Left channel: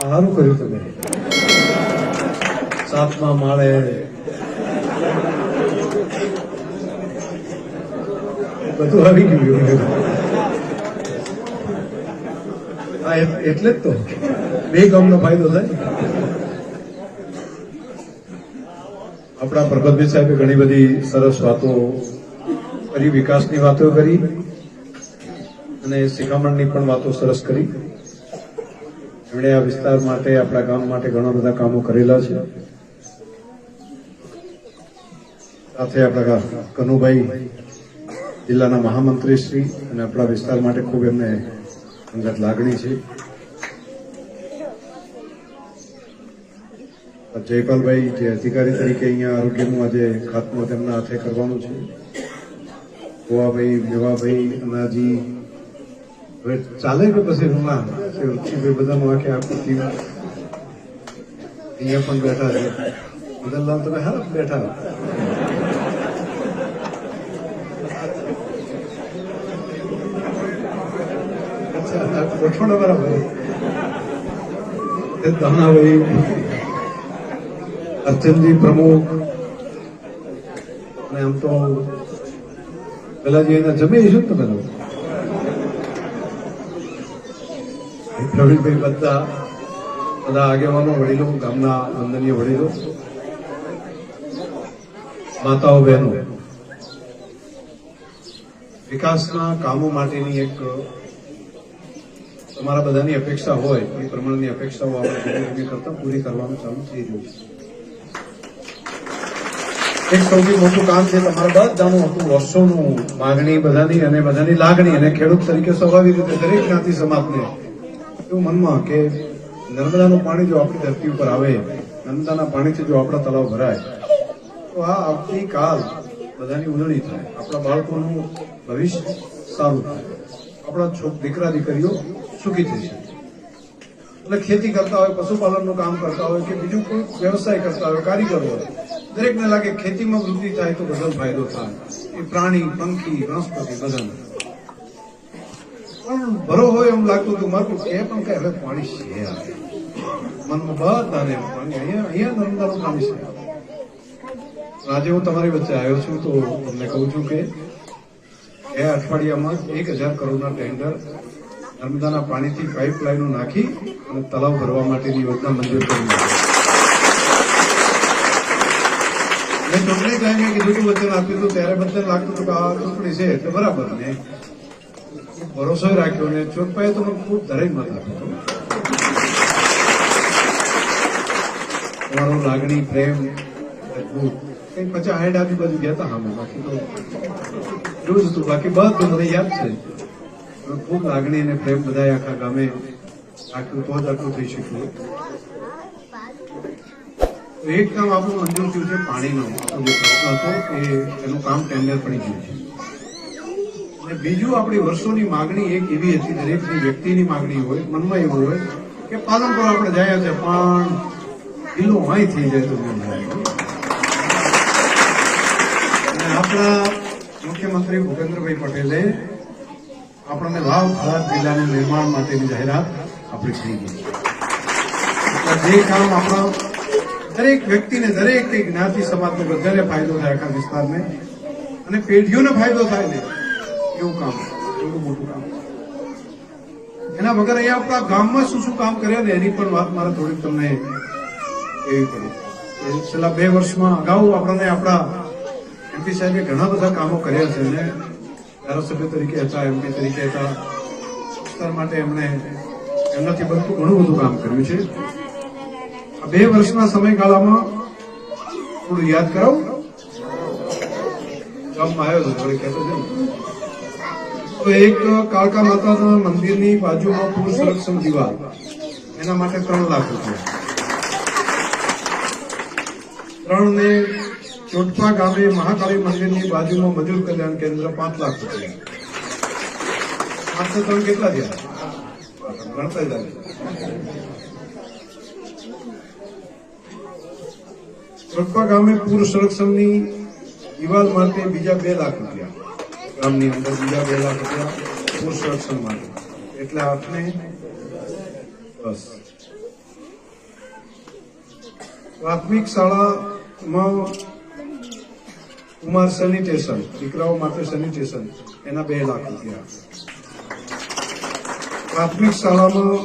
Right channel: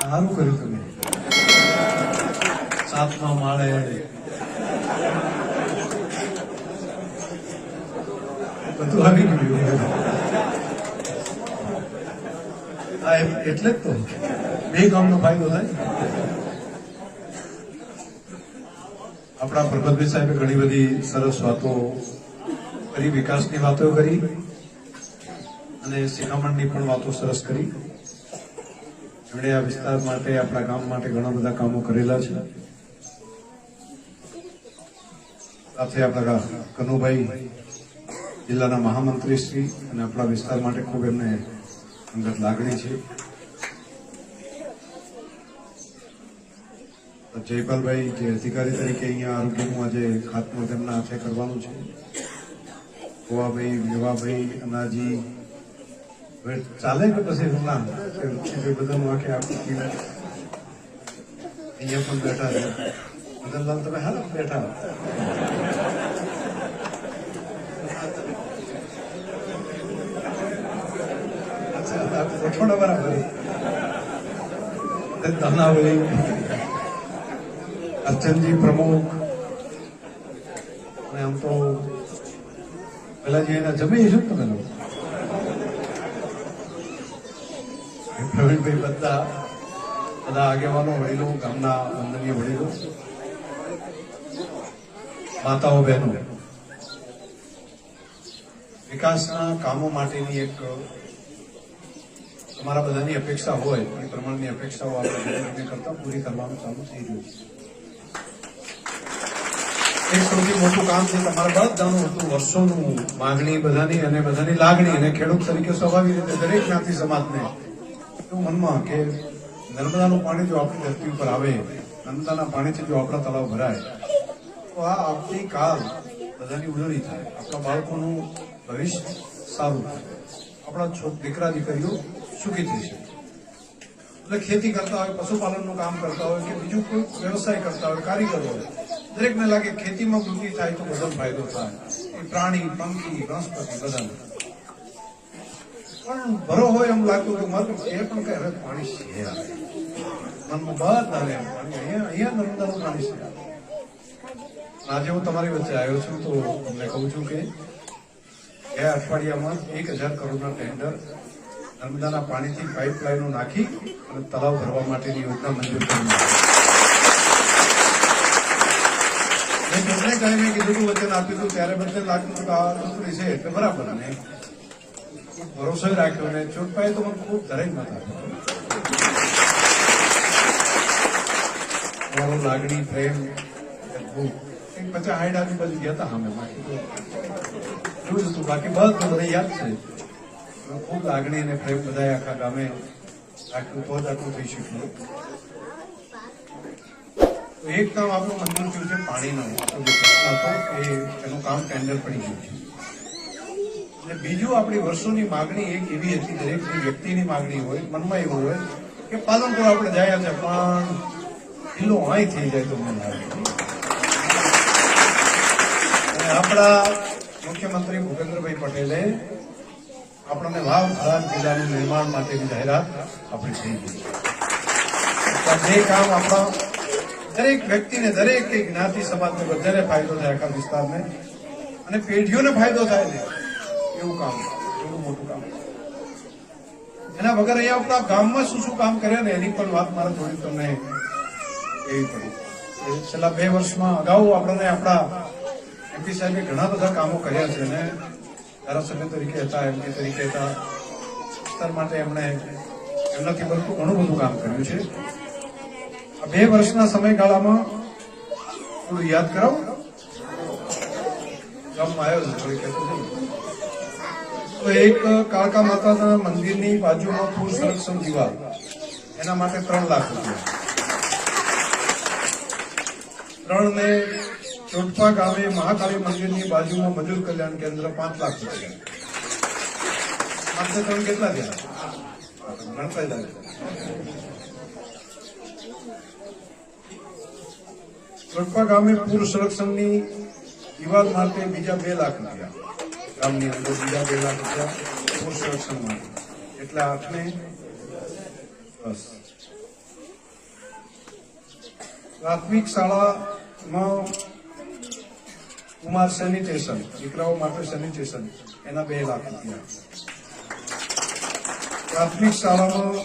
સારું કર્યું તમે. 7મા માળે બધું આવી ગયું. એટલે જ તો બે ગામનો ફાયદો થાય. આપણા પ્રગટભાઈ સાહેબે ઘણી બધી સરસ વાતો કરી, વિકાસની વાતો કરી અને શિખામણની પણ વાતો સરસ કરી. એમણે આ વિસ્તાર માટે, આપણા ગામ માટે ઘણા બધા કામો કરેલા છે. સાથે આપણા કનુભાઈ જિલ્લાના મહામંત્રી શ્રી અને આપણા વિસ્તાર માટે ખૂબ એમને અંગત લાગણી છે. જયપાલભાઈ જે અધિકારી તરીકે અહીંયા આરોગ્યનું આજે ખાતમુહૂર્ત તેમના હાથે કરવાનું છે. ગોવાભાઈ, મેવાભાઈ, અનાજી, હવે ચાલે કે પછી રૂણા બધાનું આખે આખું ટીમ અહીંયા પણ બેઠા છે. મદનલાલ તમે હાલ બેઠા. ગોઠવણ બરાબર. ધમણાભાઈ, અર્ચનજી પ્રમુખ, અને આમ તો પેલાજી એના જમે શું તમે પ્રવીણભાઈ, બધા આગેવાનો, વડીલો, ગામના વંદનીય વડીલો, માતાઓ, બહેનો, વિકાસના કામો માટેની એક તમારા બધાની અપેક્ષા હોય એ પ્રમાણની અપેક્ષાઓ આપણે કરતા પૂરી કરવાનું ચાલુ થઈ રહ્યું છે. એક સૌથી મોટું કામ છે તમારા બધાનું હતું વર્ષોનું માગણી બધાની અને બધાની લાગણી, અને ખેડૂત તરીકે સ્વાભાવિક રીતે દરેક જ્ઞાતિ સમાજને એવું મનમાં કે નર્મદાનું પાણી જો આપણી ધરતી ઉપર આવે, નર્મદાના પાણીથી જો આપણા તળાવ ભરાય તો આ આવતી કાલ બધાની ઉજવણી થાય, આપણા બાળકોનું ભવિષ્ય સારું થાય, આપણા દીકરા દીકરીઓ સુખી થઈ છે. એટલે ખેતી કરતા હોય, પશુપાલનનું કામ કરતા હોય કે બીજું કોઈ વ્યવસાય કરતા હોય, કારીગર હોય, દરેકને લાગે ખેતીમાં વૃદ્ધિ થાય તો બધો ફાયદો થાય. એ પ્રાણી, પંખી, વનસ્પતિ બધાને પણ ભરો હોય એમ લાગતું હતું મારું કે પણ કઈ હવે પાણી છે મનમાં બધા આવે પાણી અહીંયા નર્મદાનું પાણી છે. આજે હું તમારી વચ્ચે આવ્યો છું તો તમને કહું છું કે ગયા અઠવાડિયામાં 1000 કરોડના ટેન્ડર નર્મદાના પાણીથી પાઇપલાઇનો નાખી અને તળાવ ભરવા માટેની યોજના મંજૂર કરી. મેં તમને કહીને કીધું વચન આપ્યું હતું ત્યારે વચન લાગતું હતું કે આ ચૂંટણી છે એટલે બરાબર, ને ભરોસો રાખ્યો ને ચોટપાએ તો મને ખૂબ ધરેજ મત આપ્યો. તમારો લાગણી, પ્રેમ, કંઈક 50-60 આજુબાજુ ગયા હતા સામે, બાકી તો જોયું હતું, બાકી બધું મને યાદ છે. ખૂબ લાગણી અને પ્રેમ બધા આખા ગામે આટલું તો જ આટલું થઈ શક્યું. એક કામ આપણું મંજૂર થયું છે પાણીનો, જે પ્રશ્ન હતો એનું કામ ટેન્ડર પડી ગયું છે. અને બીજું આપણી વર્ષોની માગણી એક એવી હતી, દરેકની વ્યક્તિની માગણી હોય, મનમાં એવું હોય કે પાલનપુર આપણે જાય છે પણ જિલ્લો અહીં થઈ જાય તો મેં આપણા મુખ્યમંત્રી ભૂપેન્દ્રભાઈ પટેલે આપણને લાભ જિલ્લાનું નિર્માણ માટેની જાહેરાત આપણી થઈ ગઈ. જે કામ આપણા દરેક વ્યક્તિને, દરેક જ્ઞાતિ સમાજને બધાને ફાયદો થાય, આખા વિસ્તારને અને પેઢીઓને ફાયદો થાય ને એવું કામ, એવું મોટું કામ. એના વગર અહીંયા આપણા ગામમાં શું શું કામ કર્યા ને એની પણ વાત મારે થોડીક તમને એવી પડી. છેલ્લા 2 વર્ષમાં અગાઉ આપણને આપણા એમપી સાહેબે ઘણા બધા કામો કર્યા છે અને ધારાસભ્ય તરીકે હતા, એમપી તરીકે હતા, વિસ્તાર માટે એમણે એમનાથી ઘણું બધું કામ કર્યું છે. આ 2 વર્ષના સમયગાળામાં થોડું યાદ કરાવું. ગામમાં આવ્યો હતો કહેતો છે તો એક કાળકા માતાના મંદિરની બાજુમાં પૂર સંરક્ષણ દિવાલ, એના માટે 3 લાખ રૂપિયા. 3 ને ચોટપા ગામે મહાકાળી મંદિરની બાજુમાં મજૂર કલ્યાણ કેન્દ્ર 5 લાખ રૂપિયા. 8 3 કેટલા થયા? ગણતા જાય. ચોટપા ગામે પૂર સંરક્ષણની દિવાલ માટે બીજા 2 લાખ રૂપિયા. ગામની અંદર બીજા 2 લાખ રૂપિયા પૂર સંરક્ષણ માટે, એટલે 8 ને 10 પ્રાથમિક શાળામાં કુમાર સેનિટેશન, દીકરાઓ માટે સેનિટેશન, એના 2 લાખ રૂપિયા. પ્રાથમિક શાળામાં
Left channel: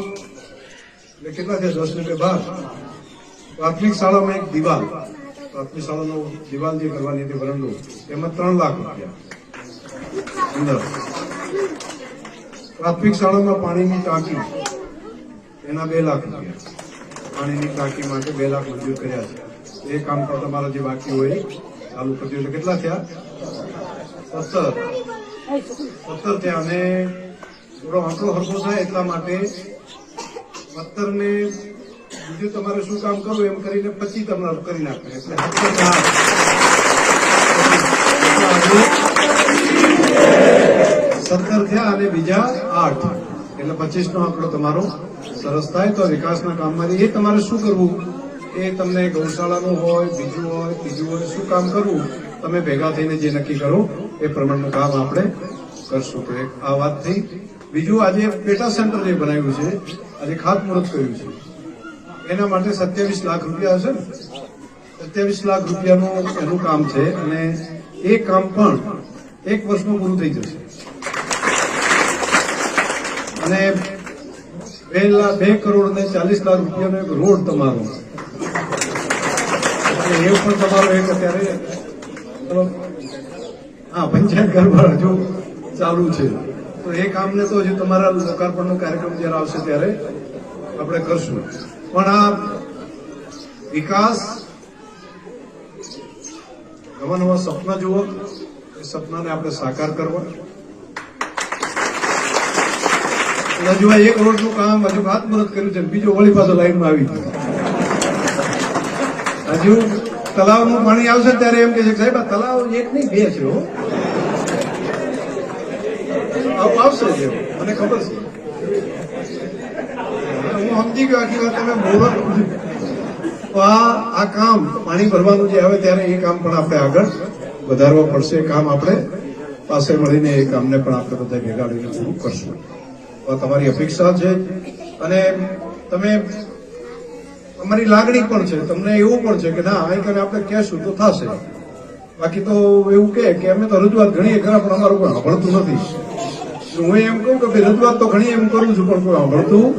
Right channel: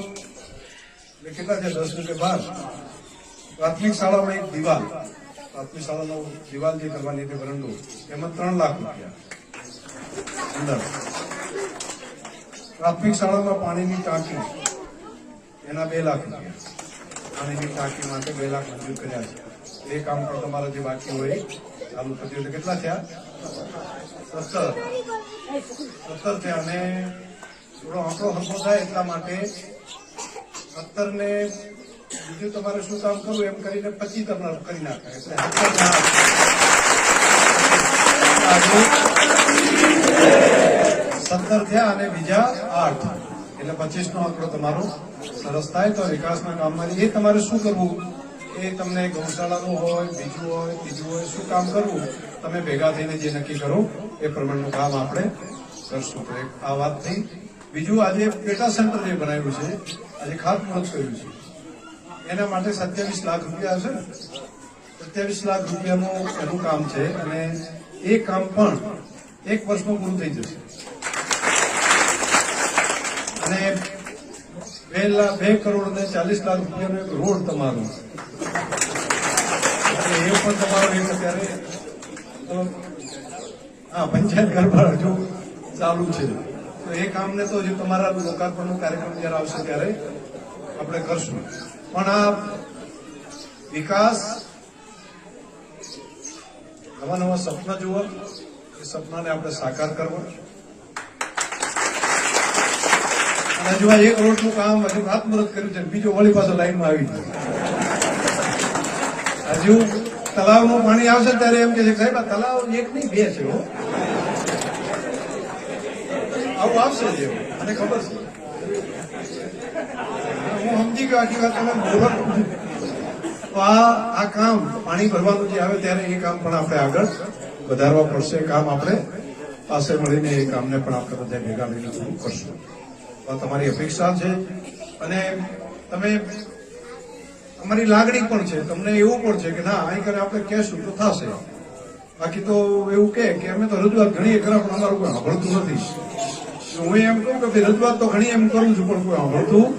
કેટલા છે? 10 ને 12. પ્રાથમિક શાળામાં એક દિવાલ, પ્રાથમિક શાળાનો દિવાલ જે કરવાની હતી વરંડો, એમાં 3 લાખ રૂપિયા અંદર. પ્રાથમિક શાળામાં પાણીની ટાંકી, એના 2 લાખ રૂપિયા. પાણીની ટાંકી માટે 2 લાખ મંજૂર કર્યા છે. એ કામ પર તમારો જે બાકી હોય ચાલુ કરજો. એટલે કેટલા થયા? 17 થયા. અને થોડો આંકડો હરખો થાય એટલા માટે 17 ને બીજું તમારે શું કામ કરવું એમ કરીને 25 તમારે કરી નાખે. એટલે 17 થયા અને બીજા 8, એટલે 25 નો આંકડો તમારો સરસ થાય. તો વિકાસના કામમાંથી એ તમારે શું કરવું એ તમને ગૌશાળાનું હોય, બીજું હોય, ત્રીજું હોય, શું કામ કરવું તમે ભેગા થઈને જે નક્કી કરો એ પ્રમાણનું કામ આપણે કરશું. તો એક આ વાત થઈ. બીજું, આજે પેટા સેન્ટર જે બનાવ્યું છે, આજે ખાતમુહૂર્ત કર્યું છે, એના માટે 27 લાખ રૂપિયા હશે ને? 27 લાખ રૂપિયાનું એનું કામ છે અને એ કામ પણ 1 વર્ષમાં પૂરું થઈ જશે. અને 2 કરોડ ને 40 લાખ રૂપિયાનો એક રોડ તમારો, એ પણ તમારો એક અત્યારે પંચાયત ઘર પર હજુ ચાલુ છે. તો એ કામને તો હજુ તમારા લોકાર્પણનો કાર્યક્રમ જયારે આવશે ત્યારે આપણે કરશું. પણ આ વિકાસ, નવા નવા સપના જુઓ, એ સપનાને આપણે સાકાર કરવા. હજુ આ 1 રોડનું કામ હજુ ખાતમુહૂર્ત કર્યું છે, બીજો વળી પાછો લાઈનમાં આવી ગયો. હજુ તલાવનું પાણી આવશે ત્યારે એમ કે છે સાહેબ આ તલાવ 1 નહીં 2 છે. આવું આવશે જ, મને ખબર છે. હું સમજી ગયો આખી વાત. તમે મુહૂર્ત આ કામ પાણી ભરવાનું જે આવે ત્યારે એ કામ પણ આપણે આગળ વધારવા પડશે. એ કામ આપણે પાસે મળીને એ કામને પણ આપણે બધા ભેગા લઈને પૂરું કરશું. તમારી અપેક્ષા છે અને તમે અમારી લાગણી પણ છે. તમને એવું પણ છે કે ના અહીં કરીને આપણે કહેશું તો થશે. બાકી તો એવું કે અમે તો રજૂઆત ઘણી ખરા પણ અમારું કોઈ સાંભળતું નથી. હું એમ કહું કે ભાઈ રજૂઆત તો ઘણી એમ કરું છું પણ કોઈ સાંભળતું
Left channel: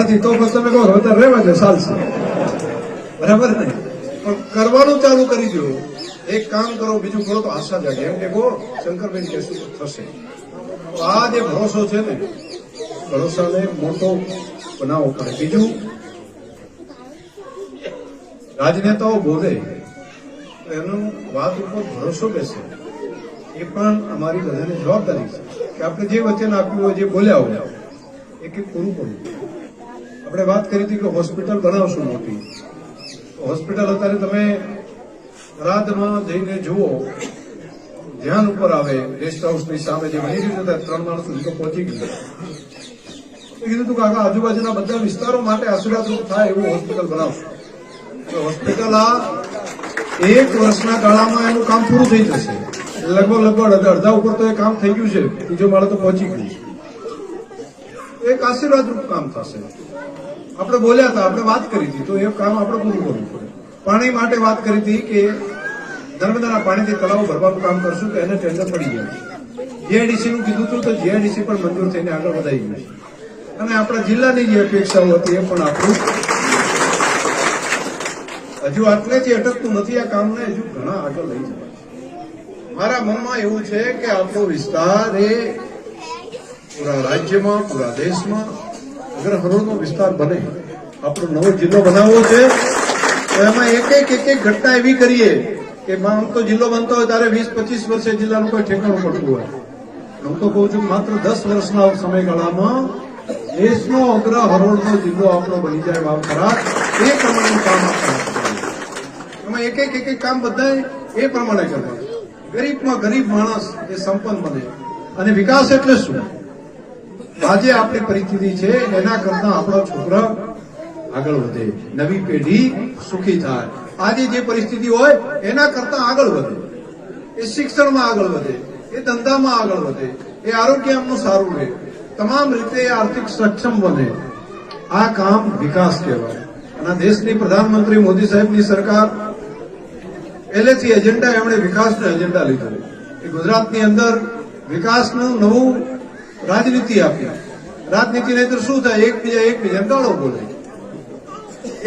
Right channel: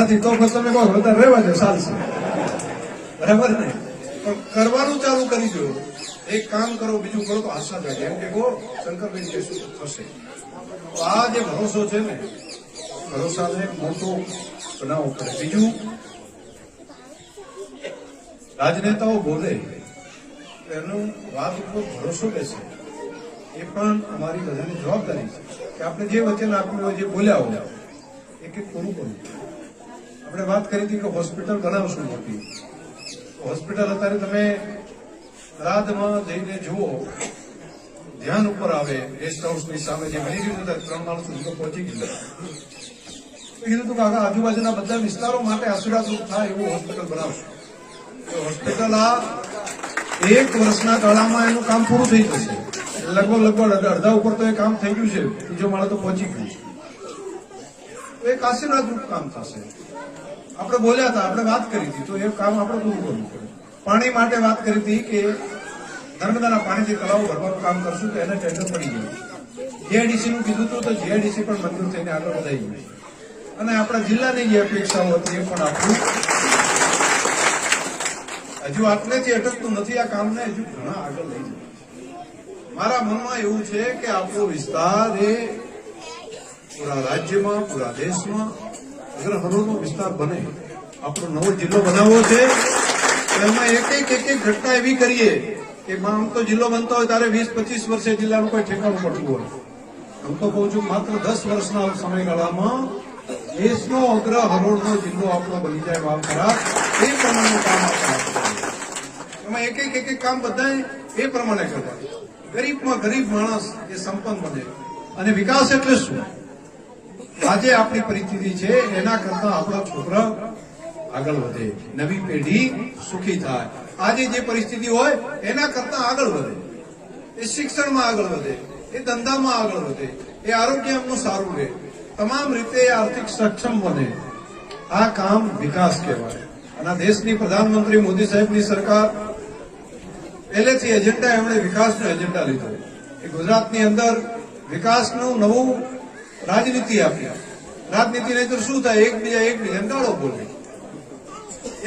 નથી. તો પછી તમે કહો હવે રહેવા દે, ચાલશે. બરાબર ને? પણ કરવાનું ચાલુ કરી દો. એક કામ કરો, બીજું કરો તો આશા જાગે. એમ કે કહો શંકરબેન કહેશું તો થશે. તો આ જે ભરોસો છે ને, ભરોસાને મોટો બનાવવો પડે. બીજું, રાજનેતાઓ બોલે એનું વાત ઉપર ભરોસો બેસે, એ પણ અમારી બધાની જવાબદારી છે કે આપણે જે વચન આપ્યું હોય, જે બોલ્યા હોય, એક પૂરું કરવું. આપણે વાત કરી હતી કે હોસ્પિટલ બનાવશું મોટી. હોસ્પિટલ અત્યારે તમે રાતમાં જઈને જુઓ, ધ્યાન ઉપર આવે. ગેસ્ટ હાઉસની સામે જે બની રહ્યું છે 3 માણસો સુધી પહોંચી ગયું. કીધું હતું કે આખા આજુબાજુના બધા વિસ્તારો માટે આશીર્વાદરૂપ થાય એવું હોસ્પિટલ બનાવશું. તો હોસ્પિટલ આ 1 વર્ષના ગાળામાં એનું કામ પૂરું થઈ જશે. લગભગ અડધા ઉપર તો એ કામ થઈ ગયું છે, બીજો માળે તો પહોંચી ગયું. એક આશીર્વાદરૂપ કામ થશે. આપણે બોલ્યા હતા, આપણે વાત કરી હતી, તો એ કામ આપણે પૂરું કરવું પડે. પાણી માટે વાત કરી હતી કે નર્મદાના પાણીથી તળાવ ભરવાનું કામ કરશું તો એને ટેન્ડર પડી ગયા. જીઆઈડીસી નું કીધું હતું તો જીઆઈડીસી પણ મંજૂર થઈને આગળ વધાઈ ગયું. અને આપણા જિલ્લાની જે અપેક્ષાઓ હતી એ પણ આપણું હજુ આટલેથી અટકતું નથી. આ કામને હજુ ઘણા આગળ લઈ જાય. મારા મનમાં એવું છે કે આપણો વિસ્તાર એ પૂરા રાજ્યમાં, પૂરા દેશમાં અગ્ર હરોળનો વિસ્તાર બને. આપણો નવો જિલ્લો બનાવવો છે તો એમાં એક ઘટના એવી કરીએ કે આમ તો જિલ્લો બનતો હોય ત્યારે 20-25 વર્ષે જિલ્લાનું કોઈ ઠેકાણું પડતું હોય. હું તો કહું છું માત્ર 10 વર્ષના સમયગાળામાં દેશનો અગ્ર હરોળનો જિલ્લો આપણો બની જાય. વાવ ખરા એ પ્રમાણેનું કામ એમાં એક કામ બધા એ પ્રમાણે કરે. ગરીબમાં ગરીબ માણસ એ સંપન્ન બને. અને વિકાસ એટલે શું? આજે આપણી પરિસ્થિતિ છે એના કરતા આપણા છોકરા આગળ વધે, નવી પેઢી સુખી થાય. આજે જે પરિસ્થિતિ હોય એના કરતા આગળ વધે, એ શિક્ષણમાં આગળ વધે, એ ધંધામાં આગળ વધે, એ આરોગ્ય એમનું સારું રહે, તમામ રીતે આર્થિક સક્ષમ બને. આ કામ વિકાસ કહેવાય. અને દેશની પ્રધાનમંત્રી મોદી સાહેબની સરકાર પહેલેથી એજન્ડા એમણે વિકાસનો એજન્ડા લીધો કે ગુજરાતની અંદર વિકાસનું નવું રાજનીતિ આપી. રાજનીતિ નહીં તો શું થાય, એકબીજાને ગાળો બોલે,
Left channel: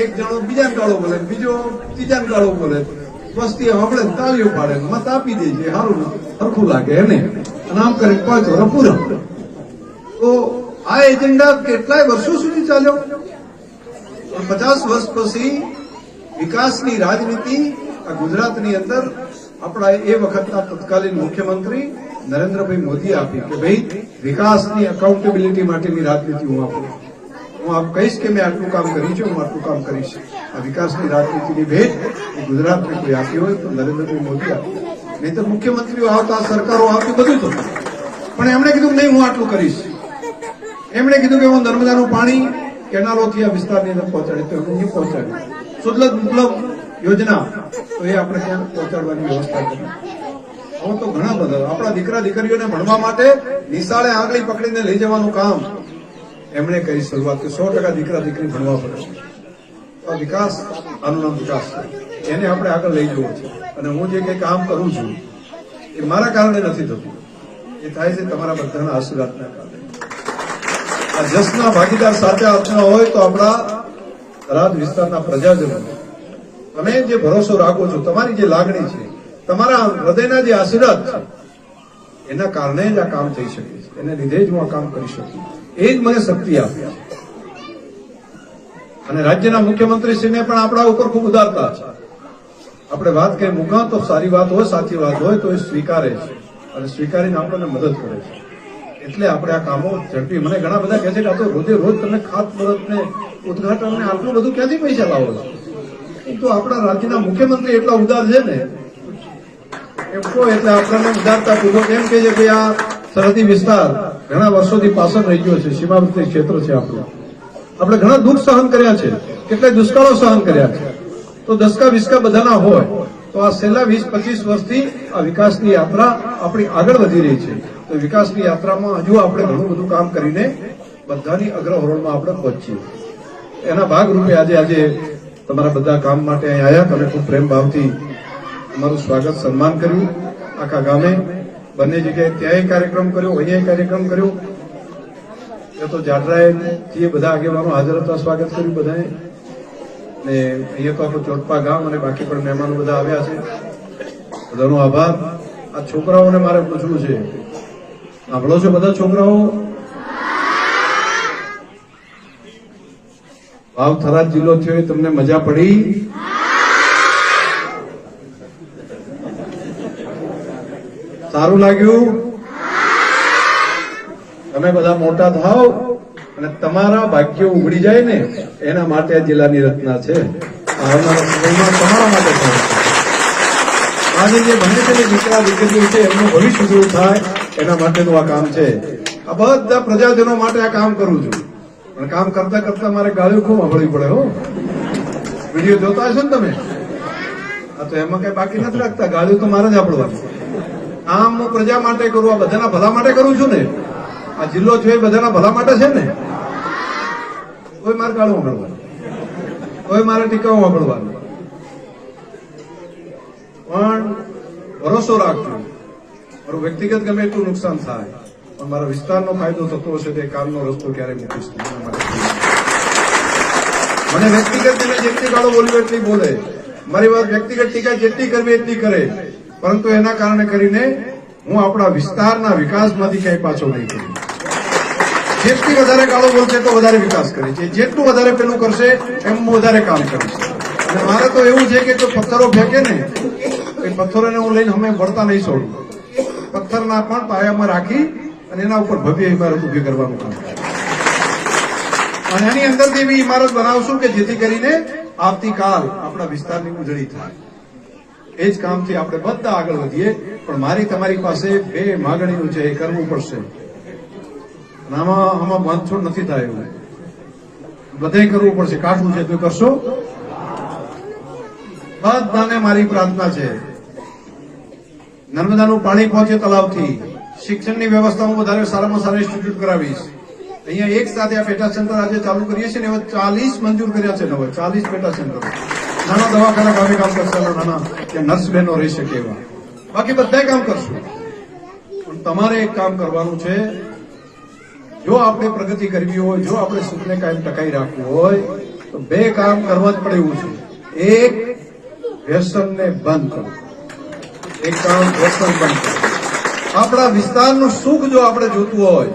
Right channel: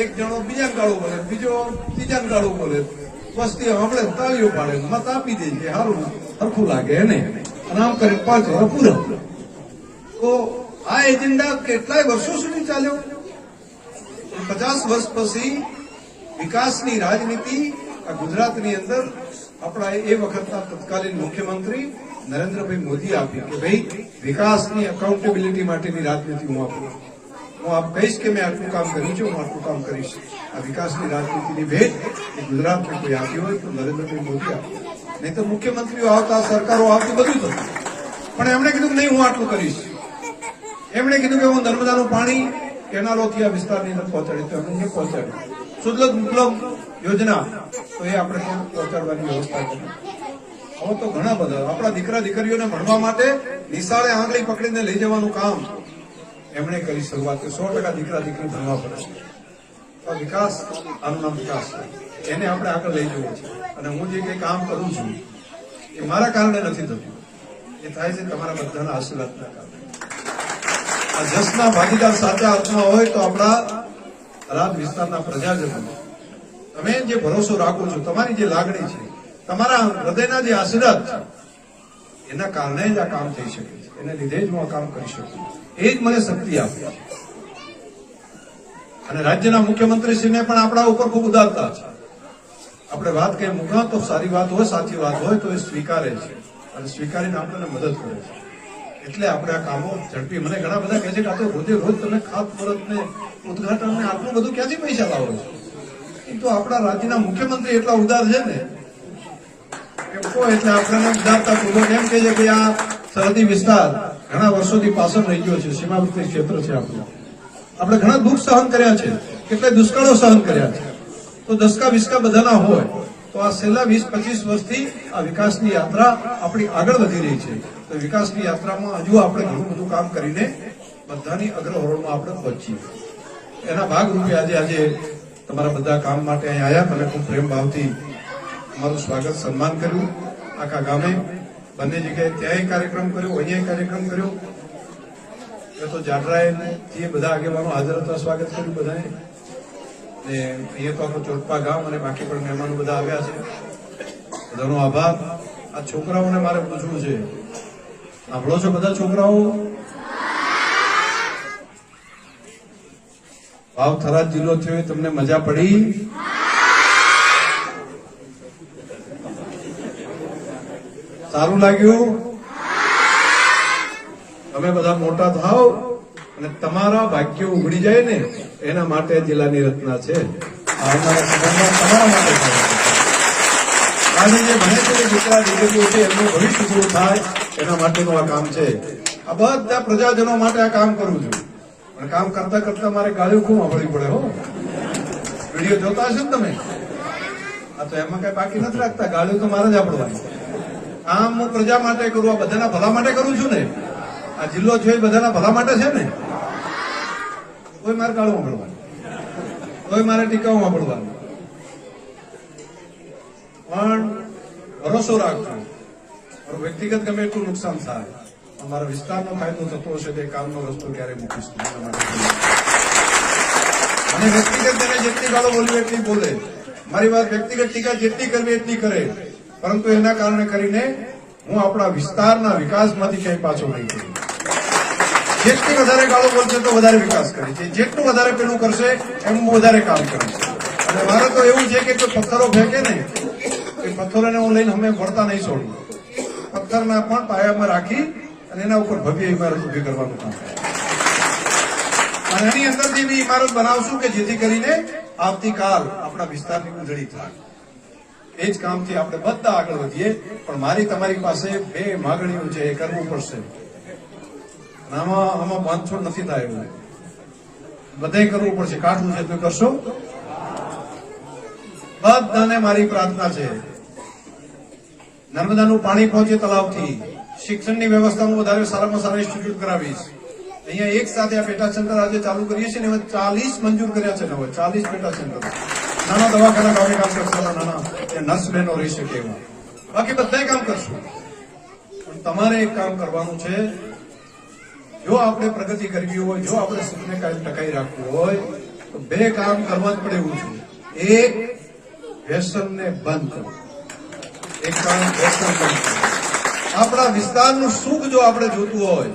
એક જણો બીજાને ગાળો બોલે, બીજો ત્રીજાને ગાળો બોલે, વસ્તી આપણે તાળીઓ પાડે, મત આપી દે છે, સારું સરખું લાગે એને, અને આમ કરીને 5 વર્ષ પૂરા. તો આ એજન્ડા કેટલાય વર્ષો સુધી ચાલ્યો. 50 વર્ષ પછી વિકાસની રાજનીતિ આ ગુજરાતની અંદર આપણા એ વખતના તત્કાલીન મુખ્યમંત્રી નરેન્દ્રભાઈ મોદીએ આપી કે ભાઈ વિકાસની એકાઉન્ટેબિલિટી માટેની રાજનીતિ હું આપું. હું આપ કહીશ કે મેં આટલું કામ કર્યું છે, હું આટલું કામ કરીશ. આ વિકાસની રાજનીતિની ભેટ એ ગુજરાતને કોઈ આપી હોય તો નરેન્દ્રભાઈ મોદી આપી. નહીં તો મુખ્યમંત્રીઓ આવતા, સરકારો આવતી, બધું થતું. પણ એમણે કીધું નહીં, હું આટલું કરીશ. એમણે કીધું કે હું નર્મદાનું પાણી કેનાલોથી આ વિસ્તારની અંદર પહોંચાડી, તો એમણે પહોંચાડ્યું. સુલભ દુર્લભ યોજના, તો એ આપણે ત્યાં પહોંચાડવાની વ્યવસ્થા કરી. હવે તો ઘણા બધા આપણા દીકરા દીકરીઓને ભણવા માટે નિશાળે આંગળી પકડીને લઈ જવાનું કામ એમણે કરી શરૂઆત કે 100% દીકરા દીકરી ભણવા પડે. તો વિકાસ, આનું નામ વિકાસ છે. એને આપણે આગળ લઈ જવો છે. અને હું જે કંઈ કામ કરું છું એ મારા કારણે નથી થતું, એ થાય છે તમારા બધાના આશીર્વાદના કારણે. આ જસના ભાગીદાર સાચા અર્થમાં હોય તો આપણા થરાદ વિસ્તારના પ્રજાજનો, તમે જે ભરોસો રાખો છો, તમારી જે લાગણી છે, તમારા હૃદયના જે આશીર્વાદ છે, એના કારણે જ આ કામ થઈ શકે છે. એને લીધે જ હું આ કામ કરી શકું. એ જ મને શક્તિ આપે. અને રાજ્યના મુખ્યમંત્રીશ્રીને પણ આપણા ઉપર ખૂબ ઉદારતા છે. આપણે વાત કઈ મૂકા તો સારી વાત હોય, સાચી વાત હોય તો એ સ્વીકારે છે અને સ્વીકારીને આપણને મદદ કરે છે. એટલે આપણે આ કામો ઝડપી. મને ઘણા બધા કહે છે કે આ તો રોજે રોજ તમે ખાતમુહૂર્ત ને ઉદઘાટન ને આટલું બધું ક્યાંથી પૈસા લાવો છો? તો આપણા રાજ્યના મુખ્યમંત્રી એટલા ઉદાર છે ને, એમ કહો એટલે આપણને ઉદારતા પૂર્વક એમ કહે છે કે આ સરહદી વિસ્તાર ઘણા વર્ષોથી પાછળ રહી ગયો છે, સીમાવર્તી ક્ષેત્ર છે આપણું. આપણે ઘણા દુઃખ સહન કર્યા છે, કેટલાય દુષ્કાળો સહન કર્યા છે. તો દસકા વિસ્કા બધાના હોય તો આ છેલ્લા 20-25 વર્ષથી આ વિકાસની યાત્રા આપણી આગળ વધી રહી છે. તો વિકાસની યાત્રામાં હજુ આપણે ઘણું બધું કામ કરીને બધાની અગ્રહરોળમાં આપણે પહોંચીએ. એના ભાગરૂપે આજે તમારા બધા કામ માટે અહીં આવ્યા. તમે ખૂબ પ્રેમ ભાવથી અમારું સ્વાગત સન્માન કર્યું. આખા ગામે બંને જગ્યાએ ત્યાંય કાર્યક્રમ કર્યો, અહીંયા કાર્યક્રમ કર્યો. એ તો જાડરાએ બધા આગેવાનો હાજર હતા, સ્વાગત કર્યું બધાએ. ને અહીંયા તો આપણું ચોટપા ગામ અને બાકી પણ મહેમાનો બધા આવ્યા છે. બધાનો આભાર. આ છોકરાઓને મારે પૂછવું છે, સાંભળો છો બધા છોકરાઓ? ભાવ થરાદ જિલ્લો થયો એ તમને મજા પડી? સારું લાગ્યું? તમે બધા મોટા થાવ અને તમારા ભાગ્યો ઉઘડી જાય ને, એના માટે આ જિલ્લાની રચના છે. આવનારા સમયમાં તમારા માટે થાય. અને જે ભણે છે ને દીકરા દીકરીઓ છે, એમનું ભવિષ્ય દૂર થાય એના માટેનું આ કામ છે. આ બધા પ્રજાજનો માટે આ કામ કરું છું. પણ કામ કરતા કરતા મારે ગાળીઓ ખૂબ સાંભળવી પડે. હો, વિડીયો જોતા હશો ને તમે? આ તો એમાં કઈ બાકી નથી રાખતા, ગાળીઓ તો મારે જ આપડવાની. આમ હું પ્રજા માટે કરું, આ બધાના ભલા માટે કરું છું ને. આ જિલ્લો છે એ બધાના ભલા માટે છે ને. કોઈ મારે ગાળું સાંભળવાનું, કોઈ મારે ટીકાઓ સાંભળવાનું. પણ ભરોસો રાખજો, મારું વ્યક્તિગત ગમે એટલું નુકસાન થાય પણ મારા વિસ્તારનો ફાયદો થતો હશે તે કામનો રસ્તો ક્યારે મૂકીશ નહીં. મને વ્યક્તિગત તમે જેટલી ગાળો બોલવી એટલી બોલે, મારી વાત વ્યક્તિગત ટીકા જેટલી કરવી એટલી કરે, પરંતુ એના કારણે કરીને હું આપણા વિસ્તારના વિકાસમાંથી ક્યાંય પાછો નહીં કરું. જેટલી વધારે ગાળો બોલશે તો વધારે વિકાસ કરે છે, જેટલું વધારે પેલું કરશે એમ વધારે કામ કરશે. અને મારે તો એવું છે કે જો પથ્થરો ફેંકે ને એ પથ્થરોને હું લઈને અમે વળતા નહીં છોડું. પથ્થરના પણ પાયામાં રાખી અને એના ઉપર ભવ્ય ઇમારત ઉભી કરવાનું કામ. અને એની અંદરથી એવી ઇમારત બનાવશું કે જેથી કરીને આવતીકાલ આપણા વિસ્તારની ઉજળી થાય. એ જ કામથી આપણે બધા આગળ વધીએ. પણ મારી તમારી પાસે 2 માગણીઓ છે, એ કરવું પડશે. આમાં બાંધછોડ નથી થાય એવું, બધે કરવું પડશે. કાઢવું છે તો કરશો. બધાને મારી પ્રાર્થના છે, નર્મદાનું પાણી પહોંચે તલાવથી, શિક્ષણની વ્યવસ્થા હું વધારે સારામાં સારા ઇન્સ્ટિટ્યૂટ કરાવીશ, અહીંયા એક સાથે આ પેટા સેન્ટર આજે ચાલુ કરીએ છીએ ને હવે 40 મંજૂર કર્યા છે. હવે 40 પેટા સેન્ટર, નાના દવાખાના કામે કામ કરશે, નાના કે નર્સ બહેનો રહી શકે એવા, બાકી બધા કામ કરશું. પણ તમારે એક કામ કરવાનું છે. જો આપણે પ્રગતિ કરવી હોય, જો આપણે સુખને કાયમ ટકાઈ રાખવું હોય તો 2 કામ કરવા જ પડે એવું છે. એક, વ્યસનને બંધ કરવું. એક કામ વ્યસન બંધ કરવું. આપણા વિસ્તારનું સુખ જો આપણે જોતું હોય,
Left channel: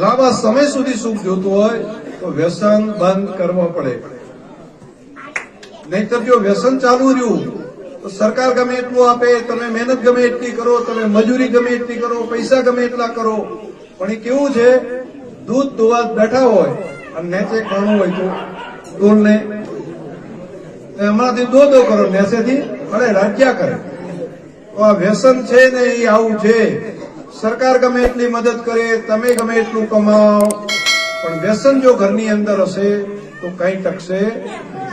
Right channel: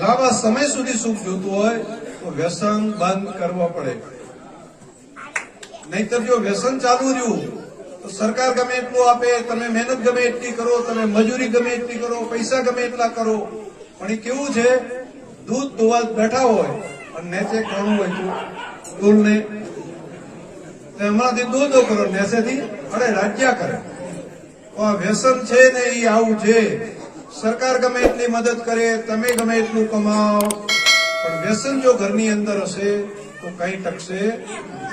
લાંબા સમય સુધી સુખ જોતું હોય તો વ્યસન બંધ કરવો પડે. નહીતર જો વ્યસન ચાલુ રહ્યું તો સરકાર ગમે એટલું આપે, તમે મહેનત ગમે એટલી કરો, તમે મજૂરી ગમે એટલી કરો, પૈસા ગમે એટલા કરો, પણ એ કેવું છે, દૂધ દોવા બેઠા હોય અને નેચે ખાણું હોય તો દૂધને હમણાંથી દો કરો, નેચેથી અડે રાખ્યા કરે. તો આ વ્યસન છે ને એ આવું છે. સરકાર ગમે એટલી મદદ કરે, તમે ગમે એટલું કમાઓ, પણ વ્યસન જો ઘરની અંદર હશે તો કઈ ટકશે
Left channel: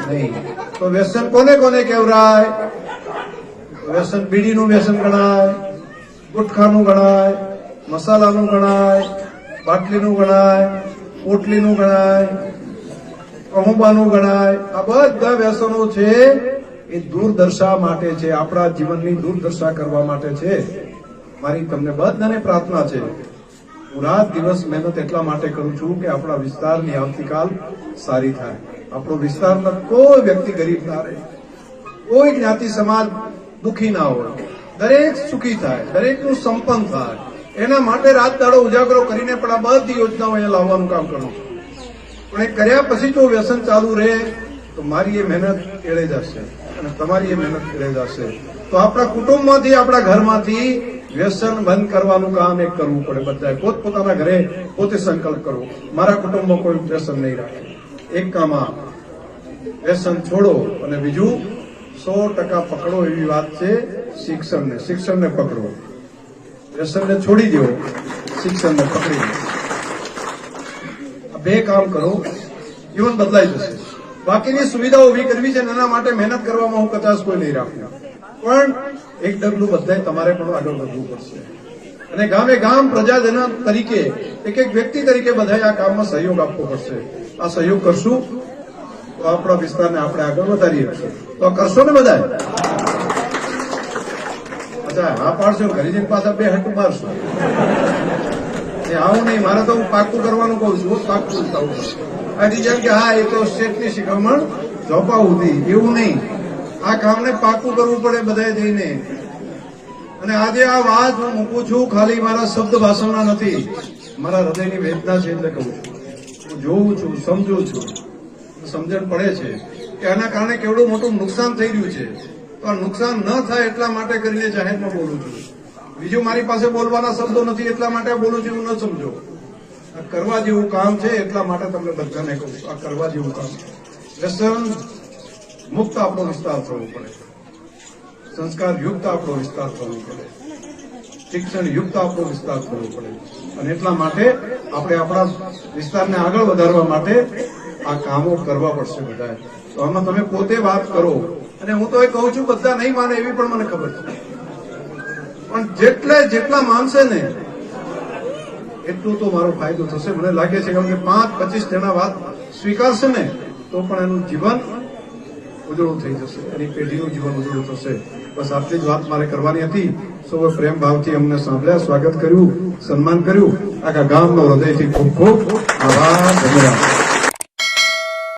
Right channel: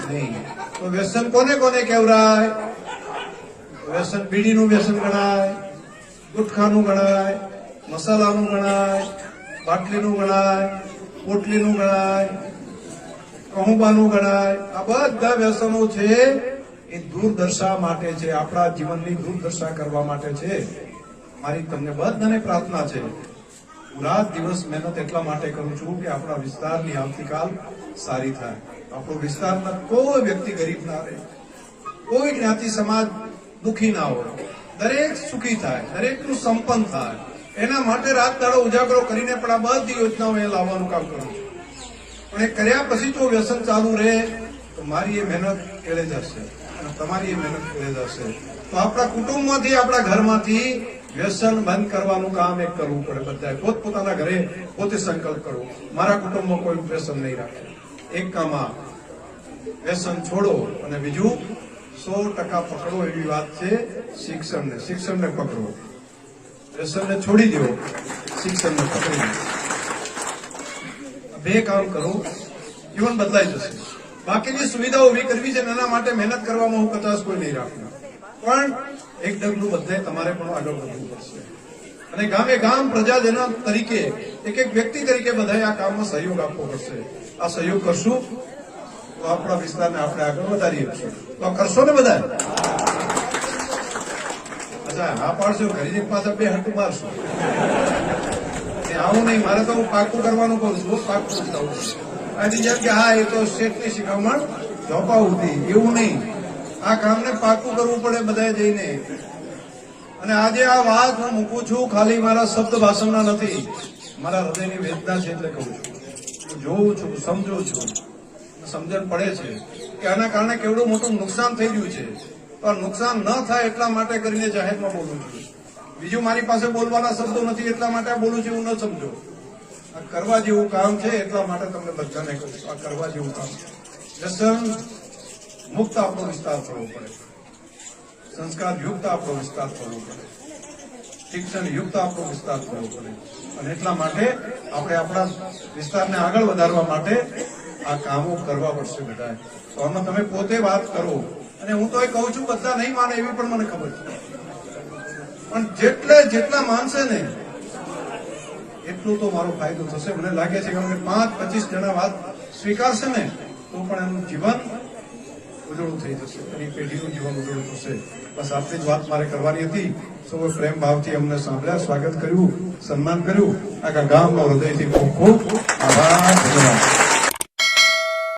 નહીં. તો વ્યસન કોને કોને કહેવાય? વ્યસન બીડીનું વ્યસન ગણાય, ગુટખાનું ગણાય, મસાલાનું ગણાય, બાટલીનું ગણાય, પોટલીનું ગણાય, કહુંબાનું ગણાય. આ બધા વ્યસનો છે એ દુર્દશા માટે છે, આપણા જીવનની દુર્દશા કરવા માટે છે. મારી તમને બધાને પ્રાર્થના છે, હું રાત દિવસ મહેનત એટલા માટે કરું છું કે આપણા વિસ્તારની આવતીકાલ સારી થાય. આપણો વિસ્તારના કોઈ વ્યક્તિ ગરીબ ના રહે, કોઈ જ્ઞાતિ સમાજ દુઃખી ના હોય, દરેક સુખી થાય, દરેકનું સંપન્ન થાય. એના માટે રાત દાડો ઉજાગરો કરીને પણ આ બધી યોજનાઓ અહીંયા લાવવાનું કામ કરું છું. પણ એ કર્યા પછી જો વ્યસન ચાલુ રહે તો મારી એ મહેનત એળે જશે અને તમારી એ મહેનત એળે જશે. તો આપણા કુટુંબમાંથી, આપણા ઘરમાંથી વ્યસન બંધ કરવાનું કામ એક કરવું પડે. બધાએ પોતપોતાના ઘરે પોતે સંકલ્પ કરવો, મારા કુટુંબમાં કોઈ વ્યસન નહીં રાખે. એક કામ આ, વ્યસન છોડો. અને બીજું 100% પકડો એવી વાત છે શિક્ષણને પકડો. વ્યસનને છોડી દો, શિક્ષણને પકડી દો. આ 2 કામ કરો, જીવન બદલાઈ જશે. બાકીની સુવિધાઓ ઉભી કરવી છે, એના માટે મહેનત કરવામાં હું કચાશ કોઈ નહીં રાખું, પણ એક ડગલું બધાય તમારે પણ આગળ વધવું પડશે. અને ગામે ગામ પ્રજાજન તરીકે, એક એક વ્યક્તિ તરીકે બધાએ આ કામમાં સહયોગ આપવો પડશે. આ સહયોગ કરશું તો આપણા વિસ્તારને આપણે આગળ વધારી શકશું. તો કરશો ને બધાએ? અચ્છા, હા પાડશો, ઘરે જઈને પાછા 2 હટું મારશો. આવું નહીં, મારે તો હું પાકું કરવાનું કહું છું, પાકું થવું. આ રીઝન કે હા એ તો સ્ટેટની શિખામણ જોપાવું હતી, એવું નહીં. આ કામને પાકું કરવું પડે બધાએ જઈને. અને આજે આ વાત હું મૂકું છું ખાલી મારા શબ્દ ભાષણના નથી, મારા હૃદયની વેદના છે એટલે કહું છું. હું જોઉં છું, સમજું છું, સમજણ પડે છે કે આના કારણે કેવડું મોટું નુકસાન થઈ રહ્યું છે. તો આ નુકસાન ન થાય એટલા માટે કરીને જાહેરમાં બોલું છું. બીજું મારી પાસે બોલવાના શબ્દો નથી એટલા માટે બોલું છું, એવું ન સમજો. આ કરવા જેવું કામ છે એટલા માટે તમને બધાને કહું છું, આ કરવા જેવું કામ છે. વ્યસન મુક્ત આપણો વિસ્તાર થવો પડે, સંસ્કાર યુક્ત આપણો વિસ્તાર થવો પડે, શિક્ષણ યુક્ત આપણો વિસ્તાર થવો પડે. અને એટલા માટે આપણે આપણા વિસ્તારને આગળ વધારવા માટે આ કામો કરવા પડશે બધાએ. તો આમાં તમે પોતે વાત કરો. અને હું તો એ કહું છું, બધા નહીં માને એવી પણ મને ખબર છે, પણ જેટલા માનશે ને એટલું તો મારો ફાયદો થશે. મને લાગે છે કે 5-25 જણા વાત સ્વીકારશે ને તો પણ એનું જીવન ઉજળું થઈ જશે, એની પેઢીનું જીવન ઉજળું થશે. બસ આટલી જ વાત મારે કરવાની હતી. સૌએ પ્રેમ ભાવથી અમને સાંભળ્યા, સ્વાગત કર્યું, સન્માન કર્યું. આખા ગામનો હૃદયથી ખૂબ ખૂબ આભાર. ધન્યવાદ.